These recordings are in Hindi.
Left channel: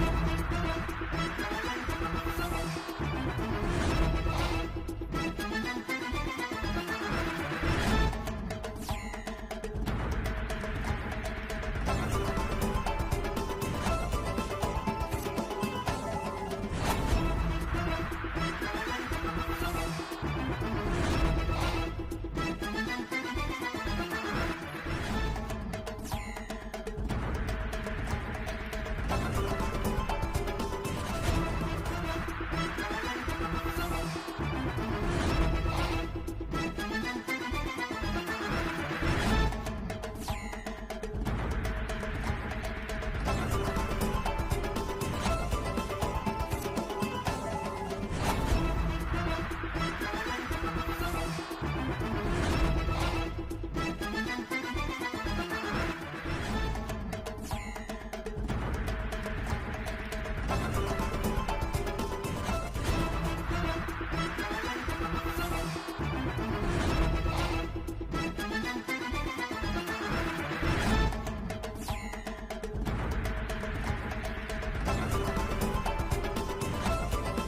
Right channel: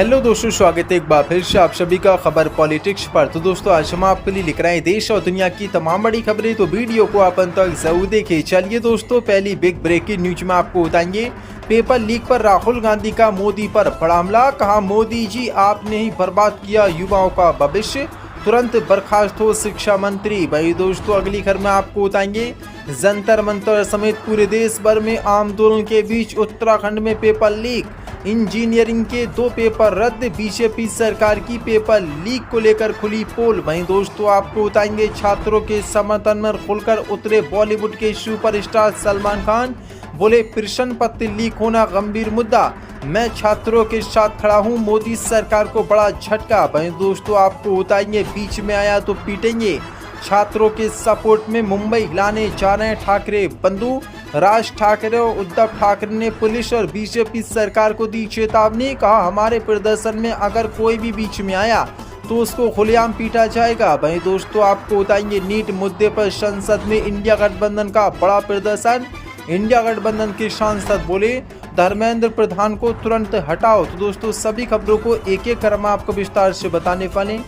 हेलो दोस्तों, स्वागत है एक बार फिर से आप सभी का खबर पॉलिटिक्स पर। तो दोस्तों, आज हम आपके लिए लिख रहे हैं देश और दुनिया की तमाम बड़ी खबरें, तो वीडियो को आप अंत तक जरूर देखें। चलिए दोस्तों, पहली बिग ब्रेकिंग न्यूज में आपको बताएंगे पेपर लीक पर राहुल गांधी का मोदी पर बड़ा हमला। कहा, मोदी जी आपने ही बर्बाद किया युवाओं का भविष्य, तुरंत बर्खास्त हो शिक्षा मंत्री। भाई दोस्तों, अगली खबर में आपको बताएंगे जंतर मंतर समेत पूरे देश भर में आंदोलन के बीच उत्तराखंड में पेपर लीक, इंजीनियरिंग के 2 पेपर रद्द, बीजेपी सरकार की पेपर लीक को लेकर खुली पोल। वहीं दोस्तों, आपको बताएंगे छात्रों के समर्थन में खुलकर उतरे बॉलीवुड के सुपरस्टार सलमान खान। बोले, प्रश्न पत्र लीक होना गंभीर मुद्दा, मैं छात्रों के साथ खड़ा हूं, मोदी सरकार को बड़ा झटका। वहीं दोस्तों, आपको बताएंगे बीच में आया तो पीटेंगे, छात्रों के सपोर्ट में मुंबई लाने जा रहे हैं ठाकरे बंधु। राज ठाकरे और उद्धव ठाकरे ने पुलिस और बीजेपी सरकार को दी चेतावनी। कहा, हमारे प्रदर्शन में अगर कोई भी बीच में आया तो उसको खुलेआम पीटा जाएगा। वहीं दोस्तों, आपको बताएंगे नीट मुद्दे पर संसद में इंडिया गठबंधन का बड़ा प्रदर्शन। इंडिया गठबंधन के सांसद बोले, धर्मेंद्र प्रधान को तुरंत हटाओ। तो दोस्तों, सभी खबरों को एक एक कर हम आपको विस्तार से बताने वाले,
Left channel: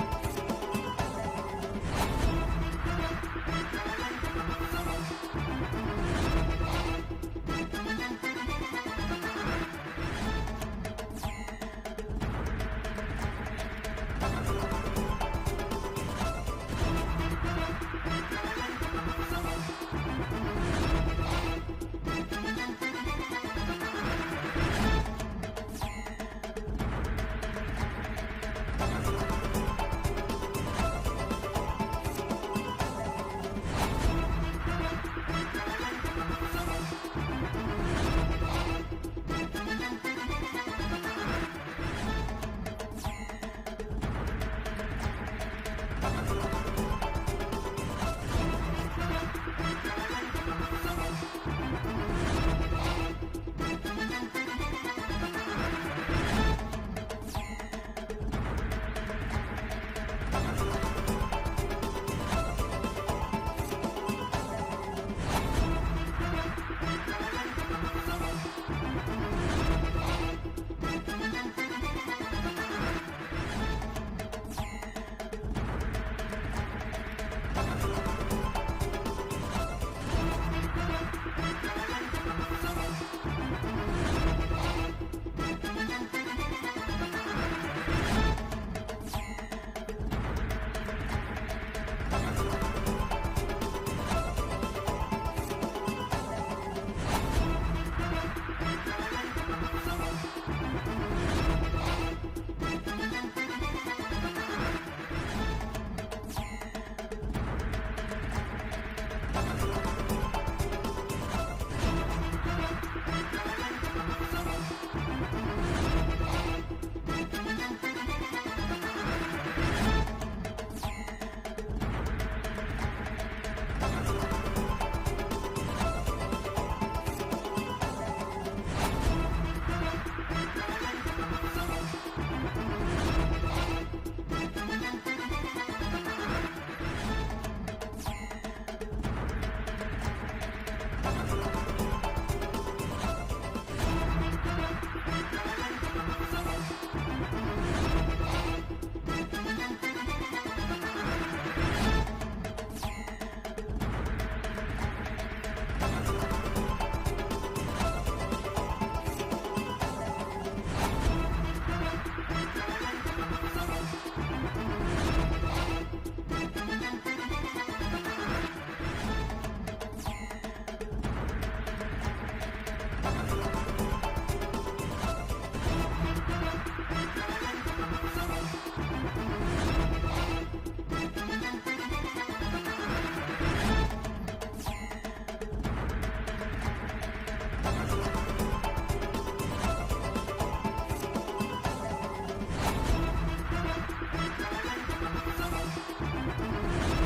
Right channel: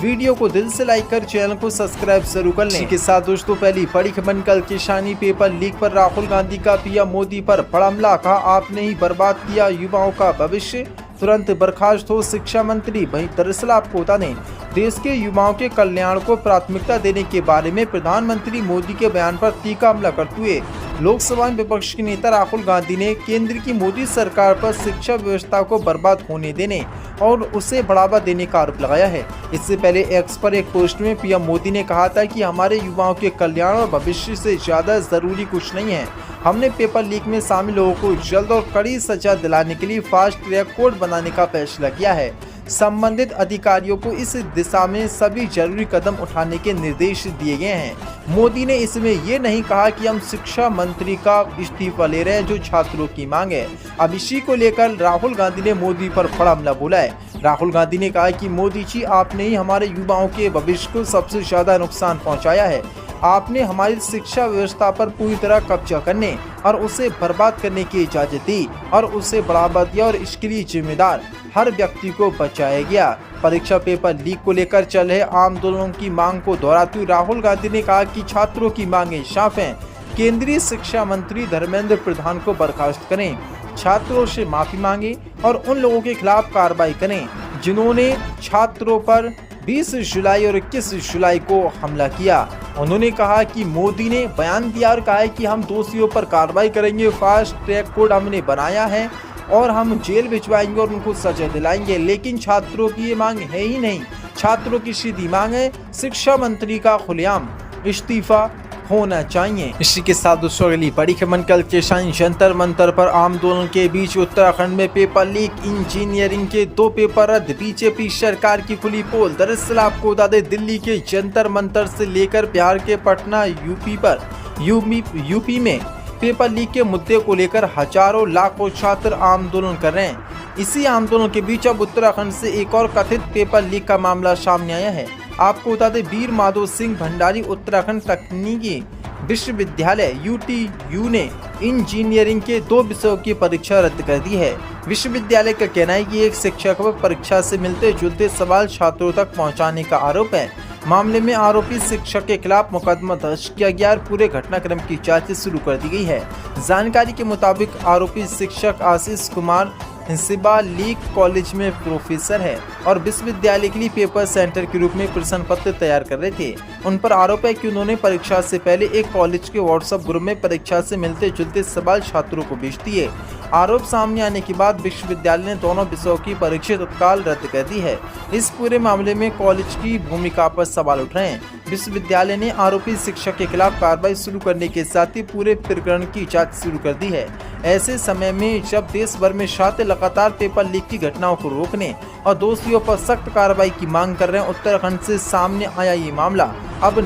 वीडियो को दिल से लाइक कर चैनल को सब्सक्राइब जरूर कर लें। इसी के साथ दोस्तों, पहली बड़ी खबर कल किसानी पेपर लीक पर राहुल गांधी का पीएम मोदी पर बड़ा हमला। कहा, आपने ही बर्बाद किया युवाओं का भविष्य, तुरंत बर्खास्त हो शिक्षा मंत्री। वहीं दरअसल आपको बता दें, देश के युवाओं के कल्याण को प्राथमिकता देने के बारे में प्रधानमंत्री मोदी के बयान पर तीखा हमला करते हुए लोकसभा में विपक्ष के नेता राहुल गांधी ने केंद्र की मोदी सरकार पर शिक्षा व्यवस्था को बर्बाद होने देने और उसे बढ़ावा देने का आरोप लगाया है। इससे पहले एक्स पर एक पोस्ट में पीएम मोदी ने कहा था कि हमारे युवाओं के कल्याण और भविष्य से ज्यादा जरूरी कुछ नहीं है। हमने पेपर लीक में शामिल लोगों को जल्द और कड़ी सजा दिलाने के लिए फास्ट ट्रैक कोर्ट बनाने का फैसला किया है। संबंधित अधिकारियों को इस दिशा में सभी जरूरी कदम उठाने के निर्देश दिए गए हैं। मोदी ने इसमें ये नहीं कहा कि हम शिक्षा मंत्री का इस्तीफा ले रहे हैं, जो छात्रों की मांग है। अब इसी को लेकर राहुल गांधी ने मोदी पर बड़ा हमला बोला है। राहुल गांधी ने कहा कि मोदी जी, आपने ही हमारे युवाओं के भविष्य को सबसे ज्यादा नुकसान पहुंचाया है। आपने हमारी शिक्षा व्यवस्था पर पूरी तरह कब्जा करने और उसे बर्बाद करने की इजाजत दी और उसे बढ़ावा दिया, और इसके लिए जिम्मेदार हर व्यक्ति को बचाया गया। परीक्षा पेपर लीक को लेकर चल रहे आंदोलनों की मांग को दोहराते हुए राहुल गांधी ने कहा कि छात्रों की मांगें साफ हैं, केंद्रीय शिक्षा मंत्री धर्मेंद्र प्रधान को बर्खास्त करें, छात्रों से माफी मांगे और उन लोगों के खिलाफ कार्रवाई करें जिन्होंने छात्रों पर 20 जुलाई और 21 जुलाई को हमला किया। उन्होंने कहा कि मोदी ने बयान दिया और कहा है कि हम दोषियों पर कार्रवाई करेंगे, फास्ट ट्रैक कोर्ट हमने बनाया है और हम जेल भिजवाएंगे और उनको सजा दिलाएंगे। लेकिन छात्रों की ये मांग है ही नहीं। छात्रों की सीधी मांग है शिक्षा मंत्री का खुलेआम इस्तीफा होना चाहिए। इसी के साथ दोस्तों, अगली बड़ी खबर कल किसान जंतर मंतर पर आंदोलन के बीच उत्तराखंड में पेपर लीक, इंजीनियरिंग के 2 पेपर रद्द, बीजेपी सरकार की खुली पोल। दरअसल आपको बता दें, दिल्ली के जंतर मंतर से लेकर बिहार के पटना यूपी में पेपर लीक के मुद्दे को लेकर हजारों लाखों छात्र आंदोलन कर रहे हैं। इसी आंदोलन के बीच अब उत्तराखंड से एक और कथित पेपर लीक का मामला सामने आया है। आपको बता दें, वीर माधव सिंह भंडारी उत्तराखंड तकनीकी विश्वविद्यालय UTU ने इंजीनियरिंग के 2 विषयों की परीक्षा रद्द कर दी है। विश्वविद्यालय का कहना है कि एक शिक्षक पर परीक्षा से मिलते जुलते सवाल छात्रों तक पहुंचाने का आरोप है। मामले में आरोपी शिक्षक के खिलाफ मुकदमा दर्ज किया गया और पूरे घटनाक्रम की जांच शुरू कर दी गई है। जानकारी के मुताबिक आरोपी शिक्षक आशीष कुमार हिंसिबा लीक कॉलेज में प्रोफेसर है और विश्वविद्यालय के लिए पेपर सेंटर के रूप में प्रश्न पत्र तैयार कर रहे थे। उन पर आरोप है कि उन्होंने परीक्षा से पहले एक कॉलेज के व्हाट्सएप ग्रुप में परीक्षा से मिलते जुलते सवाल छात्रों को भेज दिए। आरोप सामने आने के बाद विश्वविद्यालय ने दोनों विषयों की परीक्षा तत्काल रद्द कर दी है। इस पूरे मामले में कॉलेज की भूमिका पर सवाल उठ रहे हैं। विश्वविद्यालय ने आरोपी शिक्षक के खिलाफ कार्रवाई शुरू करने के साथ ही पूरे प्रकरण की जाँच शुरू कर दी है। ऐसे समय में जब देश भर में छात्र लगातार पेपर लीक की घटनाओं को रोकने और दोषियों पर सख्त कार्रवाई की मांग कर रहे हैं, उत्तराखंड से सामने आया ये मामला अब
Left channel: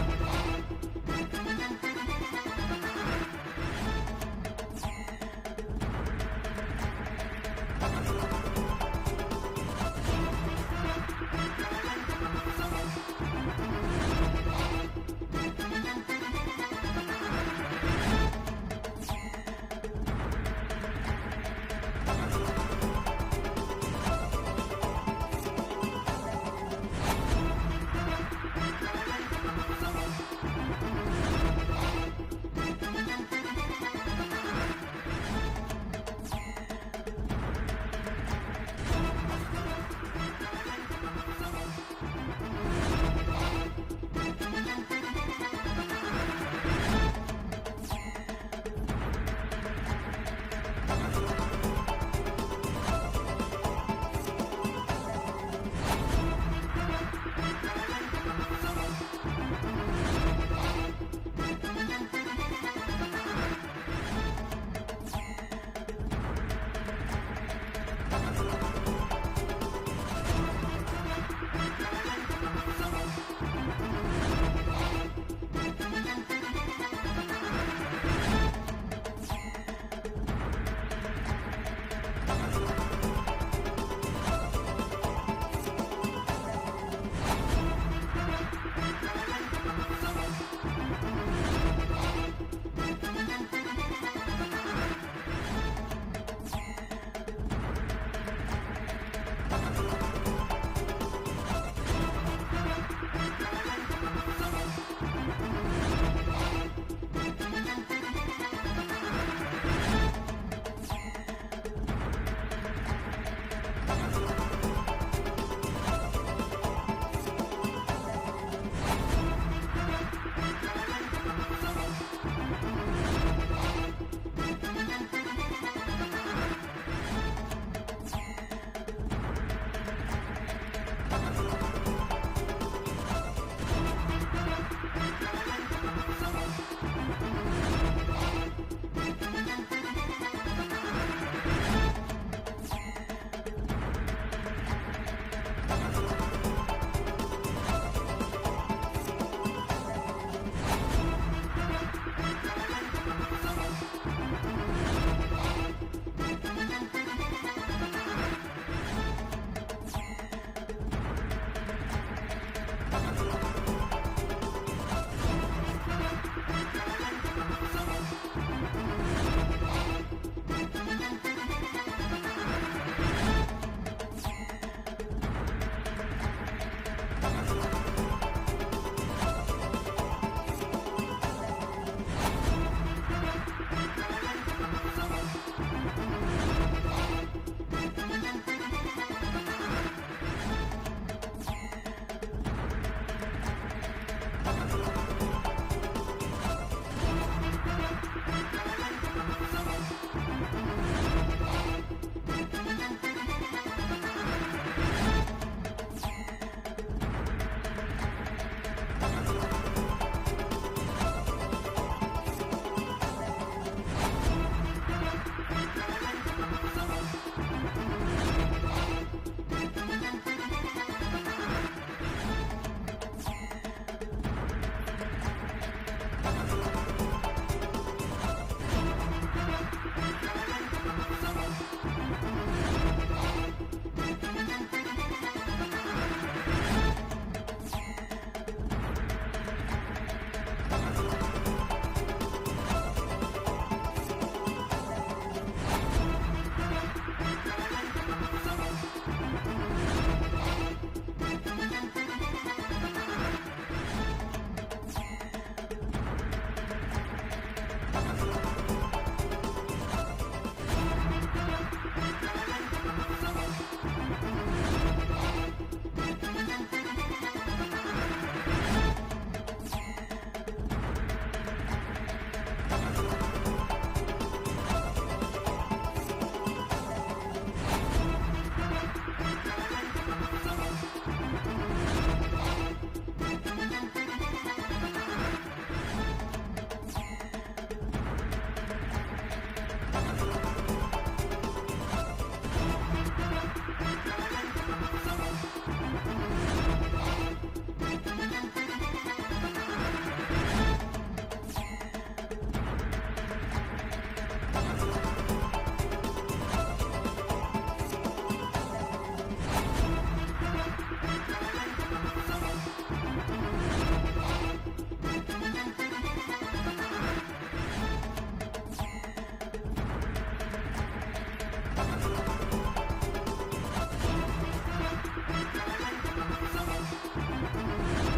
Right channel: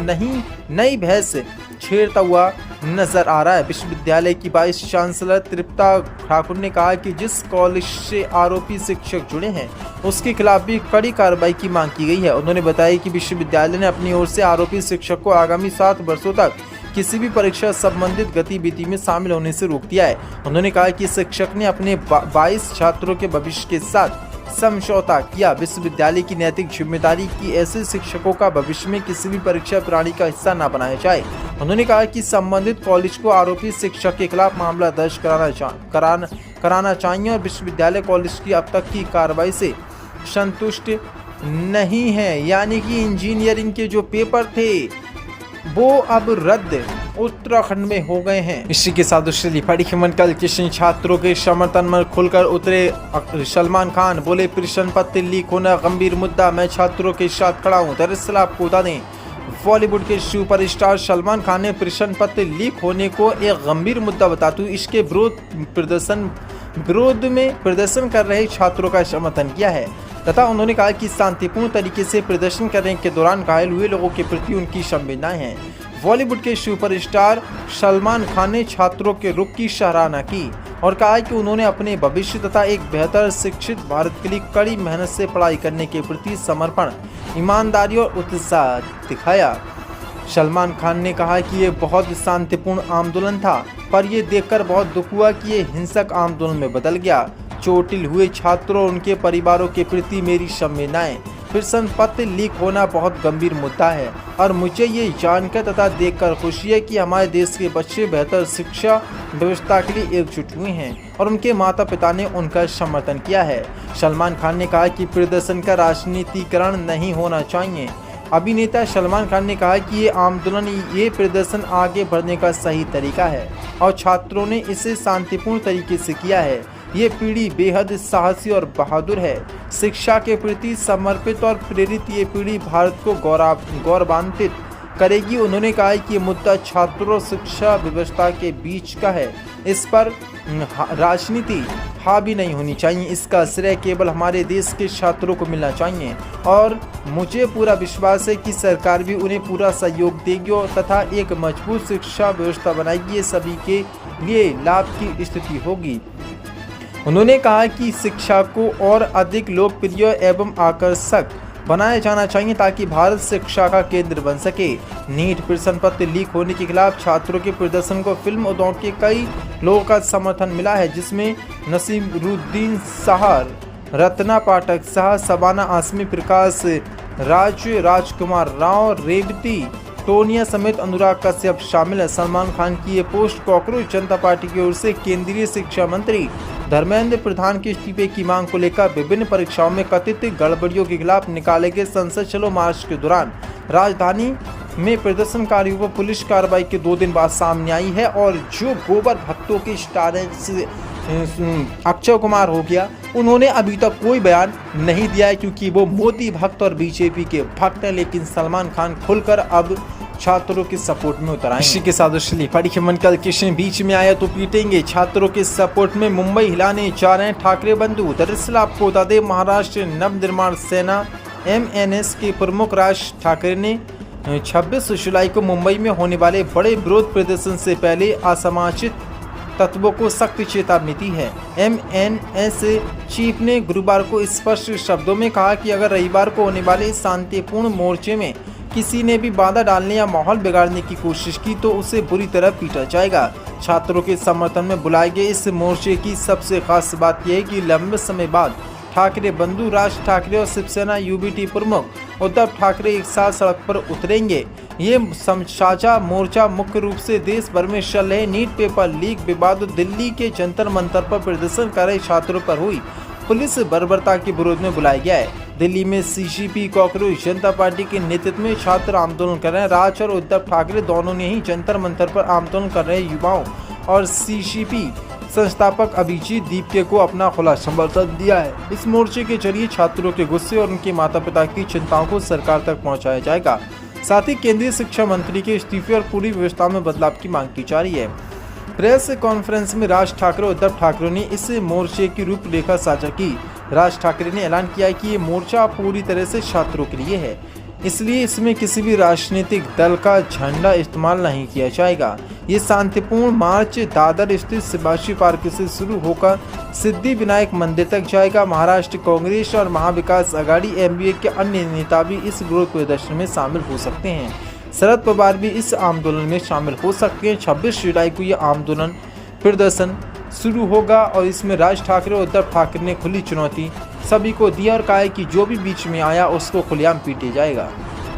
नई बहस छेड़ता हुआ नजर आ रहा है। विश्वविद्यालय की वाइस चांसलर तृप्ता ठाकुर ने कहा कि जिस कॉलेज से आरोपी शिक्षक जुड़े हैं उसके खिलाफ भी कड़ी कार्रवाई की मांग की गई है। उन्होंने बताया कि विश्वविद्यालय ने अपनी ओर से आरोपी शिक्षक को आगामी 7 वर्षों तक किसी भी परीक्षा संबंधित गतिविधि में शामिल होने से रोक दिया है। उन्होंने कहा कि शिक्षक ने अपने 22 छात्रों के भविष्य के साथ समझौता किया। विश्वविद्यालय की नैतिक जिम्मेदारी की ऐसे शिक्षकों का भविष्य में किसी भी परीक्षा प्रणाली का हिस्सा न बनाया जाए। उन्होंने कहा कि संबंधित कॉलेज को आरोपी शिक्षक के खिलाफ मामला दर्ज कराना चाहिए और विश्वविद्यालय कॉलेज की अब तक की कार्रवाई से संतुष्ट नहीं है। यानी कि इंजीनियरिंग के जो पेपर थे वो अब रद्द उत्तराखंड में हो गए हैं। इसी के साथ दूसरी बड़ी खबर कल किशन छात्रों के समर्थन में खुलकर उतरे सलमान खान। बोले प्रश्न पत्र लीक होना गंभीर मुद्दा, मैं छात्रों के साथ खड़ा हूँ। दरअसल आपको बता दें, बॉलीवुड के सुपरस्टार सलमान खान ने प्रश्न पत्र लीक होने को एक गंभीर मुद्दा बताते हुए इसके विरोध में प्रदर्शन कर रहे छात्रों का समर्थन किया है तथा उन्होंने कहा कि शांतिपूर्ण तरीके से प्रदर्शन करने के दौरान घायल हुए लोगों के प्रति उनकी संवेदनाएं हैं। बॉलीवुड के सुपरस्टार सलमान खान ने छात्रों के रुख की सराहना की और कहा कि उन्होंने अपने भविष्य तथा एक बेहतर शिक्षित भारत के लिए कड़ी मेहनत से पढ़ाई करने के प्रति समर्पण, ईमानदारी और उत्साह दिखाया। सलमान खान ने कहा कि ये बहुत शांतिपूर्ण आंदोलन था, पर ये देखकर बहुत दुख हुआ कि ये हिंसक आंदोलन में बदल गया। चोटिल हुए छात्रों और उनके परिवारों के प्रति मेरी संवेदनाएं। प्रश्न पत्र लीक होना बहुत गंभीर मुद्दा है और मुझे ये जानकर तथा देखकर खुशी है कि हमारे देश के बच्चे बेहतर शिक्षा व्यवस्था के लिए एकजुट हुए हैं और उनके माता पिता ने उनका समर्थन किया है। सलमान खान ने कहा कि प्रदर्शन का राजनीतिकरण नहीं होना चाहिए। अभिनेता सलमान खान ने कहा कि ये प्रदर्शन आगे बढ़ने का सही तरीका है और छात्रों ने इसे शांतिपूर्ण तरीके से किया है। ये पीढ़ी बेहद साहसी और बहादुर है, शिक्षा के प्रति समर्पित और प्रेरित। ये पीढ़ी भारत को गौरवान्वित करेगी। उन्होंने कहा कि ये मुद्दा छात्रों और शिक्षा व्यवस्था के बीच का है, इस पर राजनीति हावी नहीं होनी चाहिए। इसका श्रेय केवल हमारे देश के छात्रों को मिलना चाहिए और मुझे पूरा विश्वास है कि सरकार भी उन्हें पूरा सहयोग देगी और तथा एक मजबूत शिक्षा व्यवस्था बनाएगी। ये सभी के लिए लाभ की स्थिति होगी। उन्होंने कहा कि शिक्षा को और अधिक लोकप्रिय एवं आकर्षक बनाया जाना चाहिए ताकि भारत शिक्षा का केंद्र बन सके। नीट प्रश्न पत्र लीक होने के खिलाफ छात्रों के प्रदर्शन को फिल्म उद्योग के कई लोगों का समर्थन मिला है, जिसमें नसीरुद्दीन शाह, रत्ना पाठक शाह, शबाना आसमी, प्रकाश राज, राजकुमार राव, रेवती टोनिया समेत अनुराग कश्यप शामिल है। सलमान खान की ये पोस्ट कॉकरोच जनता पार्टी की ओर से केंद्रीय शिक्षा मंत्री धर्मेंद्र प्रधान के इस्तीफे की मांग को लेकर विभिन्न परीक्षाओं में कथित गड़बड़ियों के खिलाफ निकाले गए संसद चलो मार्च के दौरान राजधानी में प्रदर्शनकारियों पर पुलिस कार्रवाई के 2 दिन बाद सामने आई है। और जो गोबर भक्तों के स्टार अक्षय कुमार हो गया, उन्होंने अभी तक कोई बयान नहीं दिया है क्योंकि वो मोदी भक्त और बीजेपी के भक्त हैं। लेकिन सलमान खान खुलकर अब छात्रों के सपोर्ट में उतर आए। इसी के साथ पढ़ी मन कल कृष्ण बीच में आया तो पीटेंगे, छात्रों के सपोर्ट में मुंबई हिलाने जा रहे हैं ठाकरे बंधु। दरअसल आपको बता दें, महाराष्ट्र नवनिर्माण सेना MNS के प्रमुख राज ठाकरे ने 26 जुलाई को मुंबई में होने वाले बड़े विरोध प्रदर्शन से पहले असामाजिक तत्वों को सख्त चेतावनी दी है। MNS चीफ ने गुरुवार को स्पष्ट शब्दों में कहा कि अगर रविवार को होने वाले शांतिपूर्ण मोर्चे में किसी ने भी बाधा डालने या माहौल बिगाड़ने की कोशिश की तो उसे बुरी तरह पीटा जाएगा। छात्रों के समर्थन में बुलाए गए इस मोर्चे की सबसे खास बात यह है कि लंबे समय बाद ठाकरे बंधु राज ठाकरे और शिवसेना UBT प्रमुख उद्धव ठाकरे एक साथ सड़क पर उतरेंगे। ये साझा मोर्चा मुख्य रूप से देश भर में चल रहे नीट पेपर लीक विवाद, दिल्ली के जंतर मंतर पर प्रदर्शन कर रहे छात्रों पर हुई पुलिस बर्बरता के विरोध में बुलाया गया है। दिल्ली में CCP कॉकरोच जनता पार्टी के नेतृत्व में छात्र आंदोलन कर रहे हैं। राज और उद्धव ठाकरे दोनों ने ही जंतर मंतर पर आंदोलन कर रहे युवाओं और CCP संस्थापक अभिजीत दीपके को अपना खुला समर्थन दिया है। इस मोर्चे के जरिए छात्रों के गुस्से और उनके माता पिता की चिंताओं को सरकार तक पहुंचाया जाएगा। साथ ही केंद्रीय शिक्षा मंत्री के इस्तीफे और पूरी व्यवस्था में बदलाव की मांग की जा रही है। प्रेस कॉन्फ्रेंस में राज ठाकरे और उद्धव ठाकरे ने इस मोर्चे की रूपरेखा साझा की। राज ठाकरे ने ऐलान किया कि ये मोर्चा पूरी तरह से छात्रों के लिए है, इसलिए इसमें किसी भी राजनीतिक दल का झंडा इस्तेमाल नहीं किया जाएगा। ये शांतिपूर्ण मार्च दादर स्थित शिवाजी पार्क से शुरू होकर सिद्धि विनायक मंदिर तक जाएगा। महाराष्ट्र कांग्रेस और महाविकास आघाड़ी MBA के अन्य नेता भी इस विरोध प्रदर्शन में शामिल हो सकते हैं। शरद पवार भी इस आंदोलन में शामिल हो सकते हैं। 26 जुलाई को ये आंदोलन प्रदर्शन शुरू होगा और इसमें राज ठाकरे और उद्धव ठाकरे ने खुली चुनौती सभी को दी और कहा है कि जो भी बीच में आया उसको खुलेआम पीटे जाएगा।